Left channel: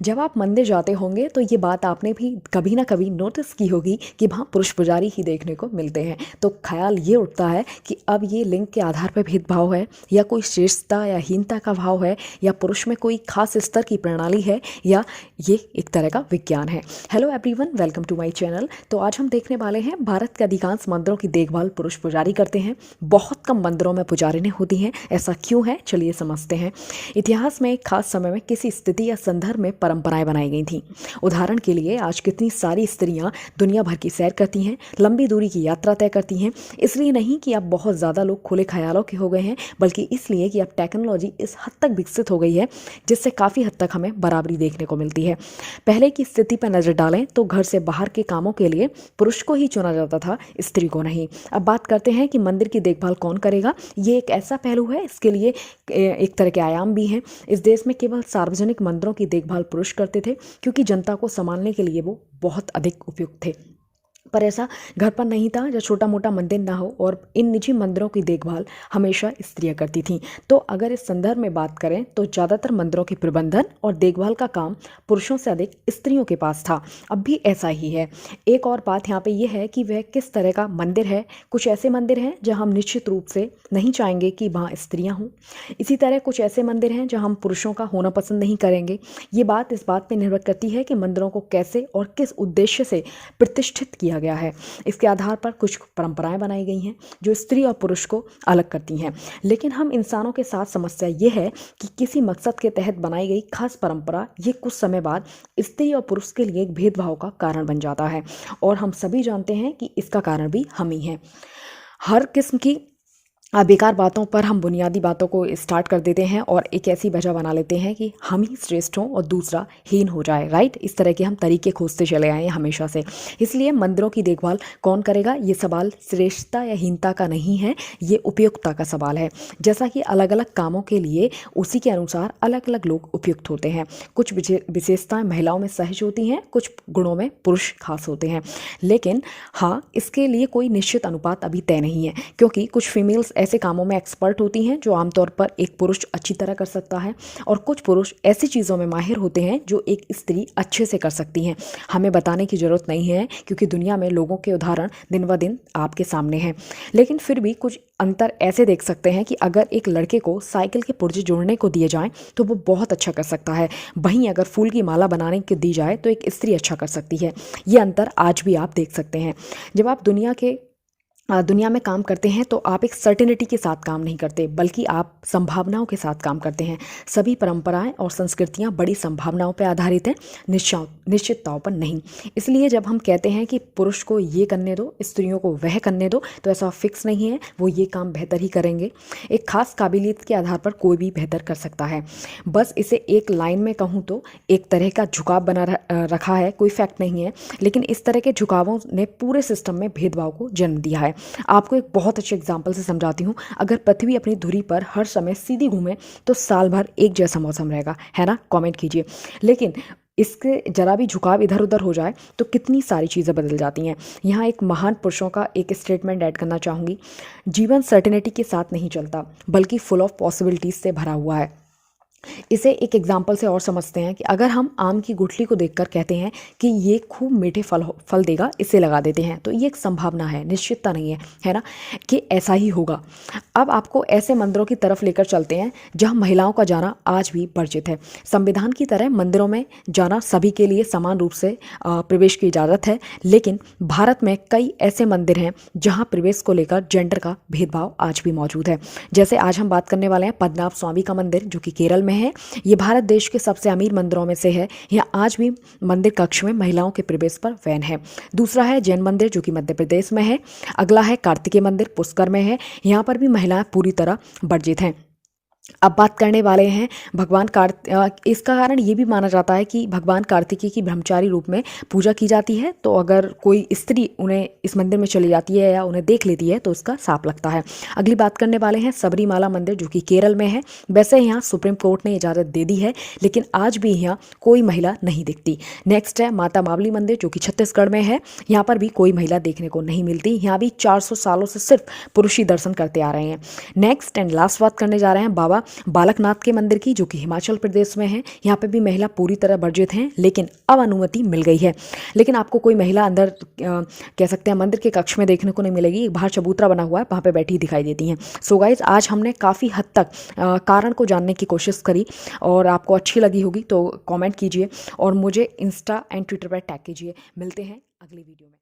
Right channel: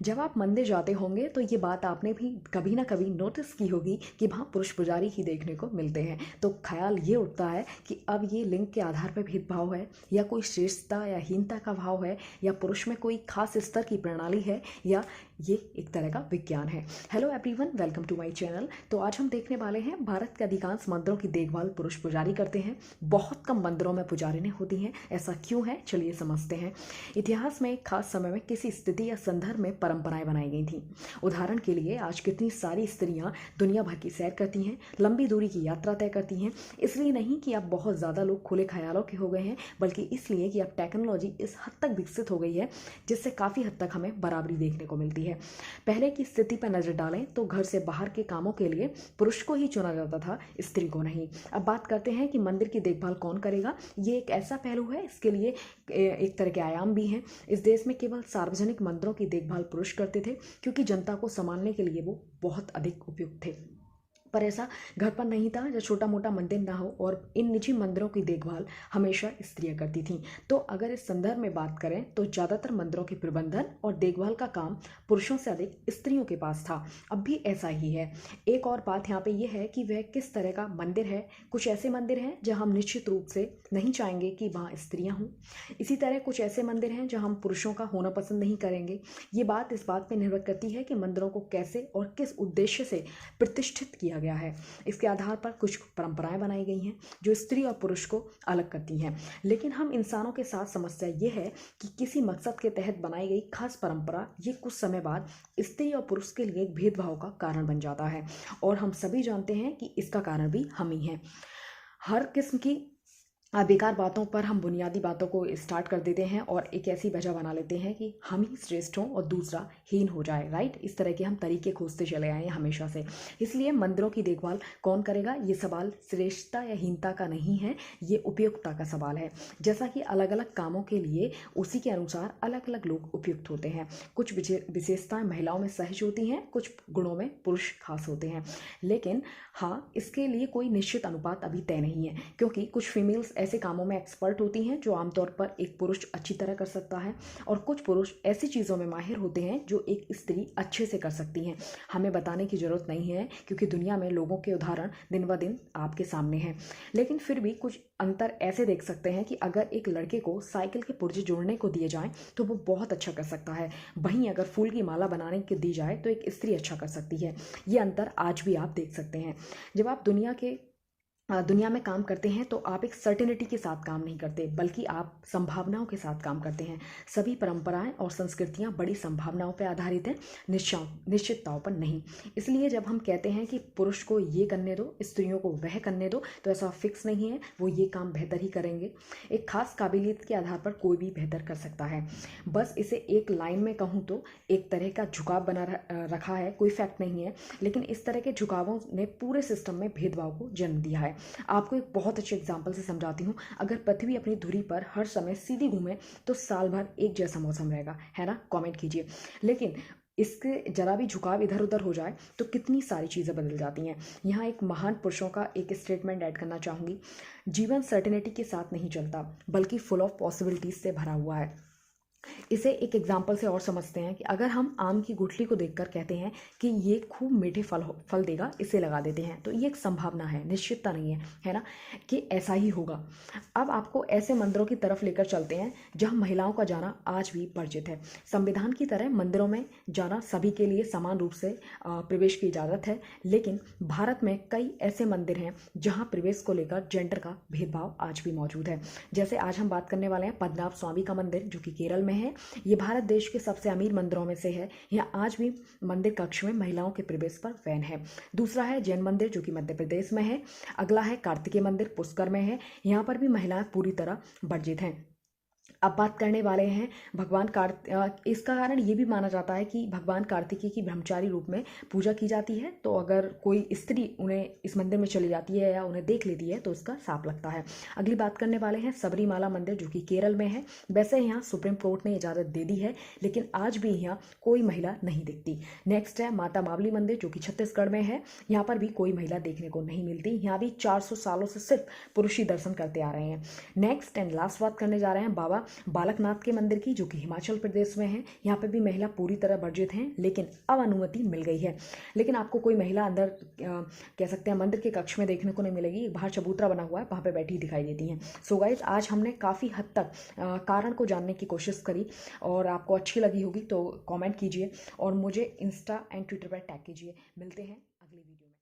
जब आप मंदिर जाते होंगे तो ये बात आपने भी कभी ना कभी नोटिस की होगी कि वहाँ पुरुष पुजारी ही देखने को मिलते हैं। तो ख्याल ये उठता है कि अब ये लिंग के आधार पर भेदभाव है, या कोई श्रेष्ठता या हीनता का भाव है, या पुरुष में कोई खास स्तर की प्रणाली है, या ये एक तरह का विज्ञान है। Hello everyone, welcome to my channel. तो आज हम देखने वाले हैं भारत के अधिकांश मंदिरों की देखभाल पुरुष पुजारी करते हैं। बहुत कम मंदिरों में पुजारिनें होती हैं। ऐसा क्यों है, चलिए समझते हैं। इतिहास में एक खास समय में किसी स्थिति या संदर्भ में परंपराएं बनाई गई थी। उदाहरण के लिए आज कितनी सारी स्त्रियां दुनिया भर की सैर करती हैं, लंबी दूरी की यात्रा तय करती हैं। इसलिए नहीं कि अब बहुत ज़्यादा लोग खुले ख्यालों के हो गए हैं, बल्कि इसलिए कि अब टेक्नोलॉजी इस हद तक विकसित हो गई है जिससे काफ़ी हद तक हमें बराबरी देखने को मिलती है। पहले की स्थिति पर नज़र डालें तो घर से बाहर के कामों के लिए पुरुष को ही चुना जाता था, स्त्री को नहीं। अब बात करते हैं कि मंदिर की देखभाल कौन करेगा। ये एक ऐसा पहलू है, इसके लिए एक तरह के आयाम भी हैं। इस देश में केवल सार्वजनिक मंदिरों की देखभाल पुरुष करते थे, क्योंकि जनता को संभालने के लिए वो बहुत अधिक उपयुक्त थे। पर ऐसा घर पर नहीं था जब छोटा मोटा मंदिर ना हो, और इन निजी मंदिरों की देखभाल हमेशा स्त्रियां करती थीं। तो अगर इस संदर्भ में बात करें तो ज़्यादातर मंदिरों के प्रबंधन और देखभाल का काम पुरुषों से अधिक स्त्रियों के पास था। अब भी ऐसा ही है। एक और बात यहाँ पे ये है कि वह किस तरह का मंदिर है। कुछ ऐसे मंदिर हैं जहाँ हम निश्चित रूप से नहीं चाहेंगे कि वहाँ स्त्रियाँ हों। इसी तरह कुछ ऐसे मंदिर हैं जहाँ हम पुरुषों का होना पसंद नहीं करेंगे। ये बात इस बात पर निर्भर करती है कि मंदिरों को कैसे और किस उद्देश्य से प्रतिष्ठित किया गया है। इसके आधार पर कुछ परंपराएं बनाई गई हैं जो स्त्री और पुरुष को अलग करती हैं। लेकिन हम इंसानों के साथ समस्या ये है कि किसी मकसद के तहत बनाई गई खास परंपरा ये कुछ समय बाद स्त्री और पुरुष के लिए एक भेदभाव का कारण बन जाता है। और हम सभी जानते हैं कि इसका कारण भी हम ही हैं। हर किस्म की बेकार बातों पर हम बुनियादी बातों को स्टार्ट कर देते हैं और एक ऐसी वजह बना लेते हैं कि हम ही श्रेष्ठ हों और दूसरा हीन हो जाए। राइट, इस तरह के हम तरीके खोजते चले आए हैं हमेशा से। इसलिए मंदिरों की देखभाल कौन करेगा, ये सवाल श्रेष्ठता या हीनता का नहीं है, ये उपयुक्तता का सवाल है। जैसा कि अलग अलग कामों के लिए उसी के अनुसार अलग अलग लोग उपयुक्त होते हैं। कुछ विशेषताएं महिलाओं में सहज होती हैं, कुछ गुणों में पुरुष खास होते हैं। लेकिन हाँ, इसके लिए कोई निश्चित अनुपात अभी तय नहीं है, क्योंकि कुछ फीमेल्स ऐसे कामों में एक्सपर्ट होती हैं जो आमतौर पर एक पुरुष अच्छी तरह कर सकता है, और कुछ पुरुष ऐसी चीज़ों में माहिर होते हैं जो एक स्त्री अच्छे से कर सकती हैं। हमें बताने की ज़रूरत नहीं है, क्योंकि दुनिया में लोगों के उदाहरण दिन ब दिन आपके सामने हैं। लेकिन फिर भी कुछ अंतर ऐसे देख सकते हैं कि अगर एक लड़के को साइकिल के पुर्जे जोड़ने को दिए जाएं तो वो बहुत अच्छा कर सकता है, वहीं अगर फूल की माला बनाने को दी जाए तो एक स्त्री अच्छा कर सकती है। ये अंतर आज भी आप देख सकते हैं। जब आप दुनिया में काम करते हैं तो आप एक सर्टेनिटी के साथ काम नहीं करते, बल्कि आप संभावनाओं के साथ काम करते हैं। सभी परंपराएं और संस्कृतियां बड़ी संभावनाओं पर आधारित हैं, निश्चितताओं पर नहीं। इसलिए जब हम कहते हैं कि पुरुष को ये करने दो, स्त्रियों को वह करने दो, तो ऐसा फिक्स नहीं है। वो ये काम बेहतर ही करेंगे। एक खास काबिलियत के आधार पर कोई भी बेहतर कर सकता है। बस इसे एक लाइन में कहूँ तो एक तरह का झुकाव बना रखा है, कोई फैक्ट नहीं है। लेकिन इस तरह के झुकावों ने पूरे सिस्टम में भेदभाव को जन्म दिया है। आपको एक बहुत अच्छे एग्जाम्पल से समझाती हूँ। अगर पृथ्वी अपनी धुरी पर हर समय सीधी घूमे तो साल भर एक जैसा मौसम रहेगा, है ना? कमेंट कीजिए। लेकिन इसके जरा भी झुकाव इधर उधर हो जाए तो कितनी सारी चीज़ें बदल जाती हैं। यहाँ एक महान पुरुषों का एक स्टेटमेंट ऐड करना चाहूँगी। जीवन सर्टेनिटी के साथ नहीं चलता, बल्कि फुल ऑफ पॉसिबिलिटीज से भरा हुआ है। इसे एक एग्जाम्पल से और समझते हैं कि अगर हम आम की गुठली को देखकर कहते हैं कि ये खूब मीठे फल देगा, इसे लगा देते हैं, तो ये एक संभावना है, निश्चितता नहीं है, है ना, कि ऐसा ही होगा। अब आपको ऐसे मंदिरों की तरफ लेकर चलते हैं जहां महिलाओं का जाना आज भी वर्जित है। संविधान की तरह मंदिरों में जाना सभी के लिए समान रूप से प्रवेश की इजाज़त है। लेकिन भारत में कई ऐसे मंदिर हैं जहाँ प्रवेश को लेकर जेंडर का भेदभाव आज भी मौजूद है। जैसे आज हम बात करने वाले हैं पद्मनाभ स्वामी का मंदिर, जो कि केरल में है। ये भारत देश के सबसे अमीर मंदिरों में से है। यहाँ आज भी मंदिर कक्ष में महिलाओं के प्रवेश पर बैन है। दूसरा है जैन मंदिर, जो कि मध्य प्रदेश में है। अगला है कार्तिकेय मंदिर, पुष्कर में है। यहाँ पर भी महिलाएं पूरी तरह वर्जित हैं। अब बात करने वाले हैं इसका कारण ये भी माना जाता है कि भगवान कार्तिकेय की ब्रह्मचारी रूप में पूजा की जाती है। तो अगर कोई स्त्री उन्हें इस मंदिर में चली जाती है या उन्हें देख लेती है तो उसका साप लगता है। अगली बात करने वाले हैं सबरीमाला मंदिर, जो कि केरल में है। वैसे यहाँ सुप्रीम कोर्ट ने इजाज़त दे दी है, लेकिन आज भी यहाँ कोई महिला नहीं दिखती। नेक्स्ट है माता मावली मंदिर, जो कि छत्तीसगढ़ में है। यहाँ पर भी कोई महिला देखने को नहीं मिलती। यहाँ भी 400 सालों से सिर्फ पुरुष ही दर्शन करते आ रहे हैं। नेक्स्ट एंड लास्ट बात करने जा रहे हैं बाबा अलावा बालकनाथ के मंदिर की, जो कि हिमाचल प्रदेश में है। यहाँ पे भी महिला पूरी तरह वर्जित हैं, लेकिन अब अनुमति मिल गई है। लेकिन आपको कोई महिला अंदर कह सकते हैं मंदिर के कक्ष में देखने को नहीं मिलेगी। बाहर चबूतरा बना हुआ है, वहाँ पे बैठी दिखाई देती हैं। सो गाइज, आज हमने काफ़ी हद तक कारण को जानने की कोशिश करी, और आपको अच्छी लगी होगी तो कमेंट कीजिए और मुझे इंस्टा एंड ट्विटर पर टैग कीजिए। मिलते हैं अगली वीडियो में।